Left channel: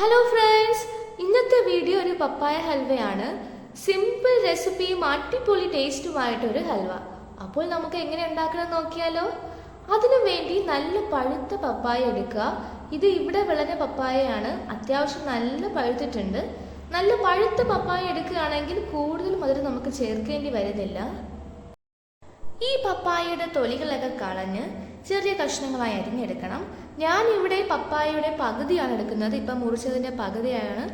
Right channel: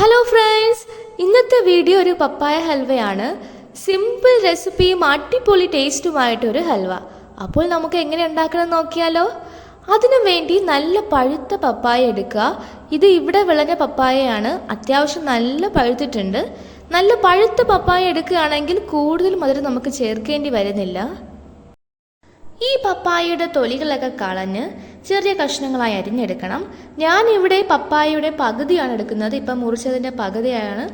Hello friends, ഇന്നത്തെ video ഒരു പപ്പായ ഹൽവയാണ്. Simple റെസിപ്പിയും അടിപൊളി ടേസ്റ്റുമായിട്ടൊരു ഹൽവ. അപ്പോൾ നമുക്ക് എങ്ങനെ ഉണ്ടാക്കണം നോക്കിയാലോ. അതിനു വേണ്ടി നല്ല പഴുത്ത പപ്പായ എടുക്കുക. ഇത് ഇവിടെ വിളഞ്ഞ പപ്പായയാണ്, അത്യാവശ്യം നല്ല പഴുത്തിട്ടുണ്ട്. നല്ല പഴുത്ത പപ്പായ എടുക്കുകയാണെങ്കിൽ കൂടുതൽ മധുരം നമുക്ക് ചേർക്കേണ്ടി വരുന്നില്ല. ഈ പപ്പായയുടെ തൊലികളൊക്കെ കളഞ്ഞ് ചെറിയ കഷ്ണങ്ങളായി അരിഞ്ഞെടുക്കണം. ഞാനിവിടെ പപ്പായയുടെ പകുതിയാണ് എടുക്കുന്നത്. ഇപ്പം മുറിച്ചതിൻ്റെ പകുതിയാണ്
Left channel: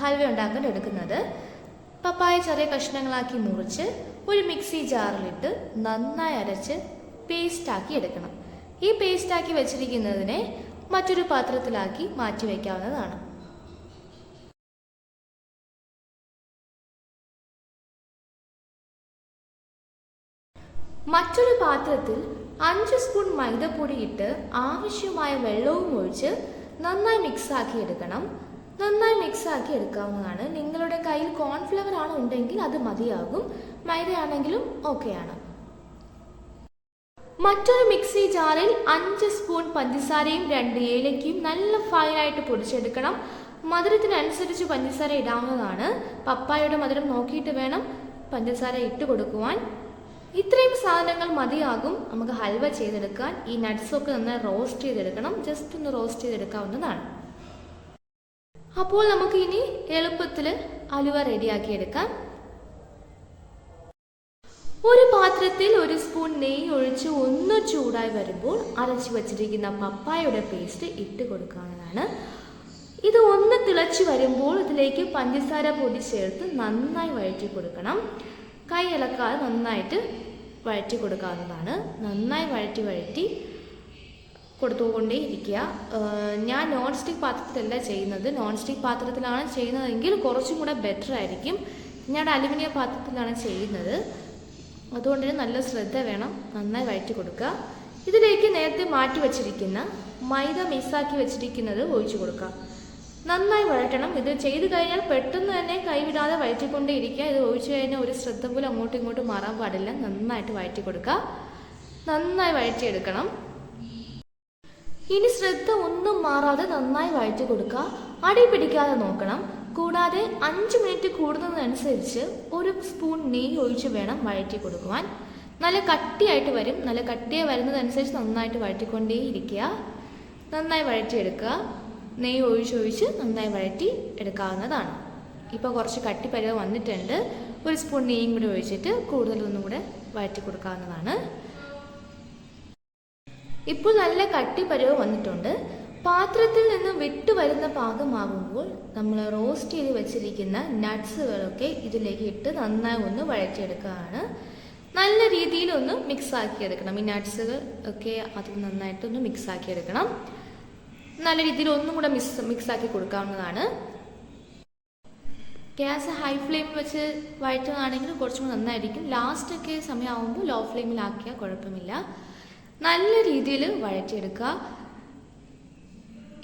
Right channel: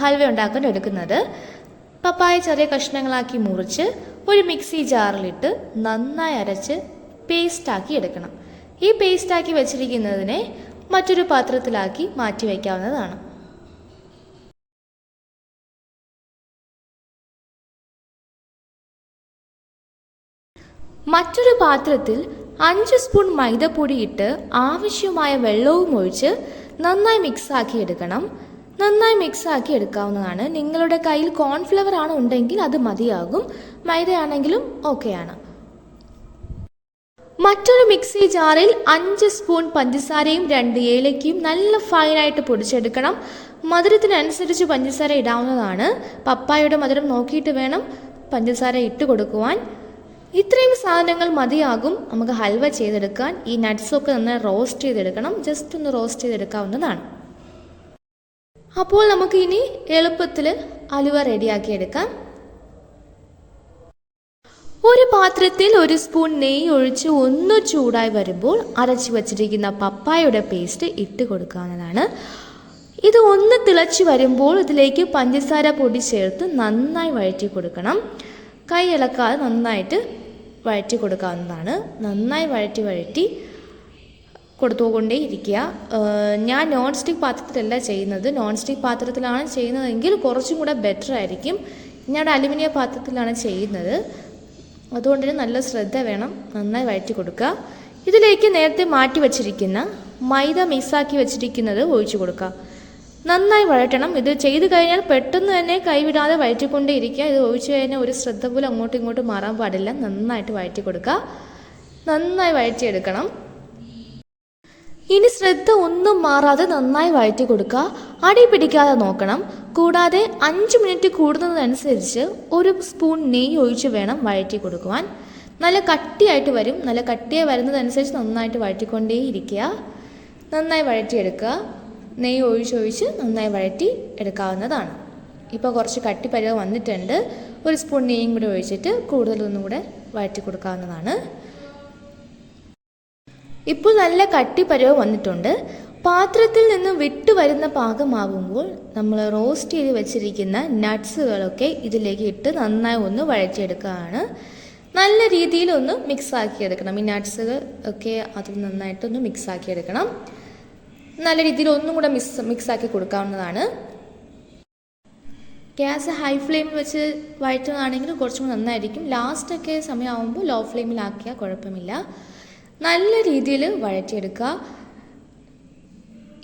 ഹൽവ ഉണ്ടാക്കാൻ എടുക്കുന്നത്. പപ്പായ ചെറിയ കഷ്ണങ്ങളാക്കി മുറിച്ച് ഒരു മിക്സി ജാറിലിട്ട് നന്നായി അരച്ച് പേസ്റ്റാക്കി എടുക്കണം. ഈ പേസ്റ്റാക്കി വെച്ചിരിക്കുന്നതിനെ മറ്റൊരു പാത്രത്തിലാക്കി മാറ്റി വയ്ക്കാവുന്നതാണ്. മറ്റൊരു പാത്രത്തിൽ 5 സ്പൂൺ മൈദപ്പൊടി ഇട്ട് ആവശ്യമായ വെള്ളവും ഒഴിച്ച് നന്നായി മിക്സാക്കി എടുക്കണം. നന്നായി മിക്സാക്കി എടുക്കാവുന്നതാണ്. നിങ്ങളുടെ കയ്യിൽ കോൺഫ്ലവർ ആണ് ഉണ്ടെങ്കിൽ അത് മതിയാകും, മൈദയാണെങ്കിലും ഓക്കെയാണ്. മറ്റൊരു മിക്സി ജാറിൽ 5 സ്പൂൺ പഞ്ചസാരയും 2 ഏലക്കയും നല്ല ഫൈനായിട്ട് പൊടിച്ചെടുക്കണം. മധുരത്തിനനുസരിച്ച് പഞ്ചസാര ഇടാവുന്നതാണ്. പപ്പായയുടെ മധുരം നോക്കിയിട്ട് വേണം പഞ്ചസാര ഇട്ട് കൊടുക്കുവാൻ. ഇത്രയും സാധനങ്ങൾ മതിയാകും നമുക്ക് ഹൽവ ചെയ്തെടുക്കാൻ. ഈ നട്ട്സൊക്കെ നന്നായി റോസ്റ്റ് ചെയ്തെടുക്കണം. ജസ്റ്റ് ഒന്ന് റോസ്റ്റ് ചെയ്തെടുക്കാവുന്നതാണ്. അപ്പോൾ നമുക്ക് ഇനി എളുപ്പത്തിൽ ഹലുവ റെഡിയാക്കി എടുക്കാം. ഒരു പാത്രത്തിൽ 1 സ്പൂൺ നെയ്യ് ഒഴിച്ച് ഒന്ന് ചൂടായി വരുമ്പോൾ അരച്ചു വച്ചിരിക്കുന്ന പപ്പായയുടെ പേസ്റ്റ് ഇട്ട് കൊടുക്കാവുന്നതാണ്. ഇത് ഒന്ന് തിളച്ച് വരുമ്പോൾ ഇതിലേക്ക് പഞ്ചസാര പൊടി ചേർത്ത് നന്നായി വഴറ്റി കൊടുക്കണം. കൈ ഇളക്കാതെ നന്നായിട്ട് വഴറ്റി കൊടുക്കാവുന്നതാണ്. നന്നായി വഴറ്റി കൊടുത്തുകൊണ്ടേ ഇരിക്കുക. ഞാൻ നോൺ സ്റ്റിക്ക് പാത്രത്തിലല്ല ചെയ്യുന്നത്. നോൺ സ്റ്റിക്ക് പാത്രത്തിലാണ് ചെയ്യുന്നതെങ്കിൽ കുറച്ചും കൂടെ ബെറ്റർ ആയിരിക്കും. ഞാൻ അലുമിനിയം പാത്രത്തിലാണ് ചെയ്യുന്നത്. അതുകൊണ്ട് നല്ല ശ്രദ്ധ വേണം. നന്നായി വഴറ്റി കൊടുക്കുക. ഇതിലേക്ക് നേരത്തെ മാറ്റി വച്ചിരിക്കുന്ന മൈദ മിക്സാക്കി വെച്ചിരിക്കുന്നത് ഒഴിച്ചു കൊടുക്കുക. നന്നായി വഴറ്റണം. ഇത് ചെയ്ത് കഴിഞ്ഞാൽ പെട്ടെന്ന് തന്നെ കൈവിടാതെ വഴറ്റിക്കൊണ്ടേ ഇരിക്കുക. ഇത് ഒഴിച്ചു കഴിഞ്ഞാൽ ഒരു ശ്രദ്ധ പോലും അങ്ങോട്ടും ഇങ്ങോട്ടും മാറാൻ പാടില്ല. നന്നായിട്ട് വഴറ്റി കൊടുക്കുക. നന്നായി വഴറ്റിയെടുക്കണം. ഇനി ശ്രദ്ധ ഒന്നും മാറാതെ നന്നായി വഴറ്റി കൊടുക്കുക. അടി പിടിക്കാതെ നോക്കണം. കൂടാതെ 5 മിനിറ്റ് കൂടുന്നതനുസരിച്ച് 1 സ്പൂൺ നെയ്യ് ഒഴിച്ച് വേണം വഴറ്റി കൊടുക്കുവാൻ. നല്ല കട്ടിയായിട്ട് വരും. നല്ല കട്ടിയായി വരുന്നതനുസരിച്ച് നന്നായിട്ട് വഴറ്റിക്കൊണ്ടേ ഇരിക്കുക. നന്നായി വഴറ്റിയെടുക്കുക. നെയ്യ് ഒഴിച്ചൊഴിച്ച് നന്നായി വഴറ്റി എടുക്കാവുന്നതാണ്. ഇപ്പോൾ കുറച്ച് കട്ടി പരുവം വന്നിട്ടുണ്ട്. 1 സ്പൂൺ നെയ്യും കൂടി ഒഴിച്ചിട്ട് കൂടുതലൊന്നും കൂടെ വഴറ്റി കൊടുക്കാവുന്നതാണ്. ഇപ്പോൾ നല്ല കട്ടി പരുവം വന്നിട്ടുണ്ട്. പാത്രത്തിൽ നിന്ന് വിട്ടു വരുന്ന പാകമാകുമ്പോൾ നമ്മൾ റോസ്റ്റ് ചെയ്ത് വെച്ചിരിക്കുന്ന നട്ട്സുകളൊക്കെ ഇതിലേക്ക് ഇട്ട് നന്നായി ഒന്ന് വഴറ്റിയെടുക്കുകയാണ്. നല്ല രീതിയിലൊന്ന് മിക്സാക്കിയെടുക്കണം. ഈ നട്ട്സുകൾ ഒക്കെ അത് നന്നായിട്ടൊന്ന് മിക്സാക്കിയെടുക്കണം. നല്ല രീതിയിൽ ഒന്നും കൂടെ മിക്സാക്കി കൊടുക്കാവുന്നതാണ്. ഗ്യാസ് ഹൈ ഫ്ലെയിമിൽ വെച്ച് വഴറ്റുകയാണെങ്കിൽ കുറച്ചും നന്നായിരിക്കും. ലാസ്റ്റൊക്കെ സമയമാകുമ്പോൾ ലോ ഫ്ലെയിമിലാക്കിയാൽ കുഴപ്പമില്ല. നല്ല രീതിയിൽ വഴറ്റിയെടുക്കുക.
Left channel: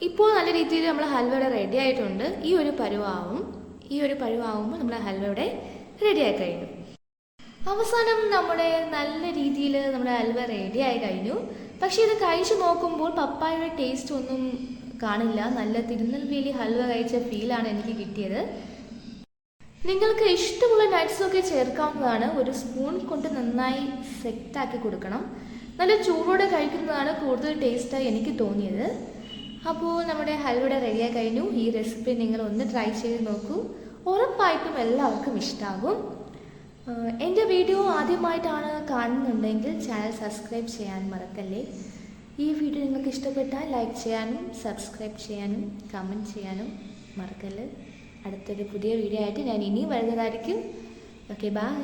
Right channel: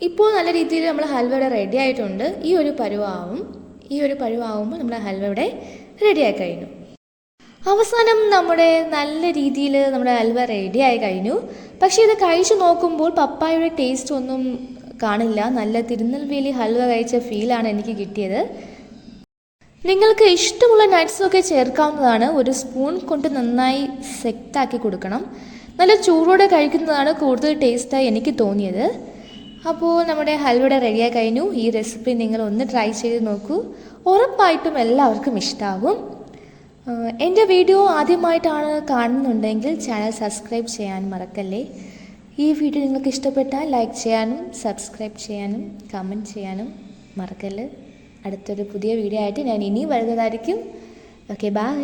ഇപ്പോൾ നല്ല രീതിയിൽ നമ്മൾ ഹൽവയുടെ റെഡി ആയിട്ടുണ്ട്. ഈ ഒരു പരുവാകുമ്പോൾ നമ്മുടെ ഹൽവയുടെ റെഡിയായി കഴിഞ്ഞു. അവസാനം നമ്മുടെ നല്ല രീതിയിൽ നമ്മുടെ ഹൽവ റെഡിയായി കഴിഞ്ഞു. പക്ഷേ ഇത് കഴിച്ചു നോക്കുമ്പോൾ പപ്പായയുടെ ടേസ്റ്റ് ഒന്നും കാണില്ല. നല്ല തിരുനെൽവേലി ഹൽവ കഴിച്ച ഫീലാണ് എനിക്ക് കിട്ടിയത്. നിങ്ങൾക്ക് ഇഷ്ടമുള്ള നട്ട്സൊക്കെ ചേർക്കാവുന്നതാണ്. 1 സ്പൂൺ കൊണ്ട് നന്നായി സെറ്റാക്കി കൊടുക്കണം. നല്ല ചൂടോടെ കഴിക്കുന്നതാണ് കൂടുതൽ ടേസ്റ്റായി എനിക്ക് തോന്നിയത്. അപ്പോൾ നമ്മുടെ ഹൽവയുടെ റെഡിയായി കഴിഞ്ഞു. ഈ റെസിപ്പി നിങ്ങൾ ഒന്ന് ട്രൈ ചെയ്ത് നോക്കൂ. ഉറപ്പായിട്ടും എല്ലാവർക്കും ഇഷ്ടമാകും. എൻ്റെ വീഡിയോ ആദ്യമായിട്ടാണ് കാണുന്നുണ്ടെങ്കിൽ ചാനൽ സബ്സ്ക്രൈബ് ചെയ്യാൻ മറക്കല്ലേ. ഈ വീഡിയോ നിങ്ങൾക്ക് ഇഷ്ടപ്പെട്ടാൽ ലൈക്ക് ചെയ്യാനും സബ്സ്ക്രൈബ് ചെയ്യാനും കമൻറ്റ് ചെയ്യാനും മറക്കല്ലേ. അടുത്തൊരു പുതിയ വീഡിയോ ആയിട്ട് ഞാൻ ഇനിയും വരുന്നതായിരിക്കും. Okay, by.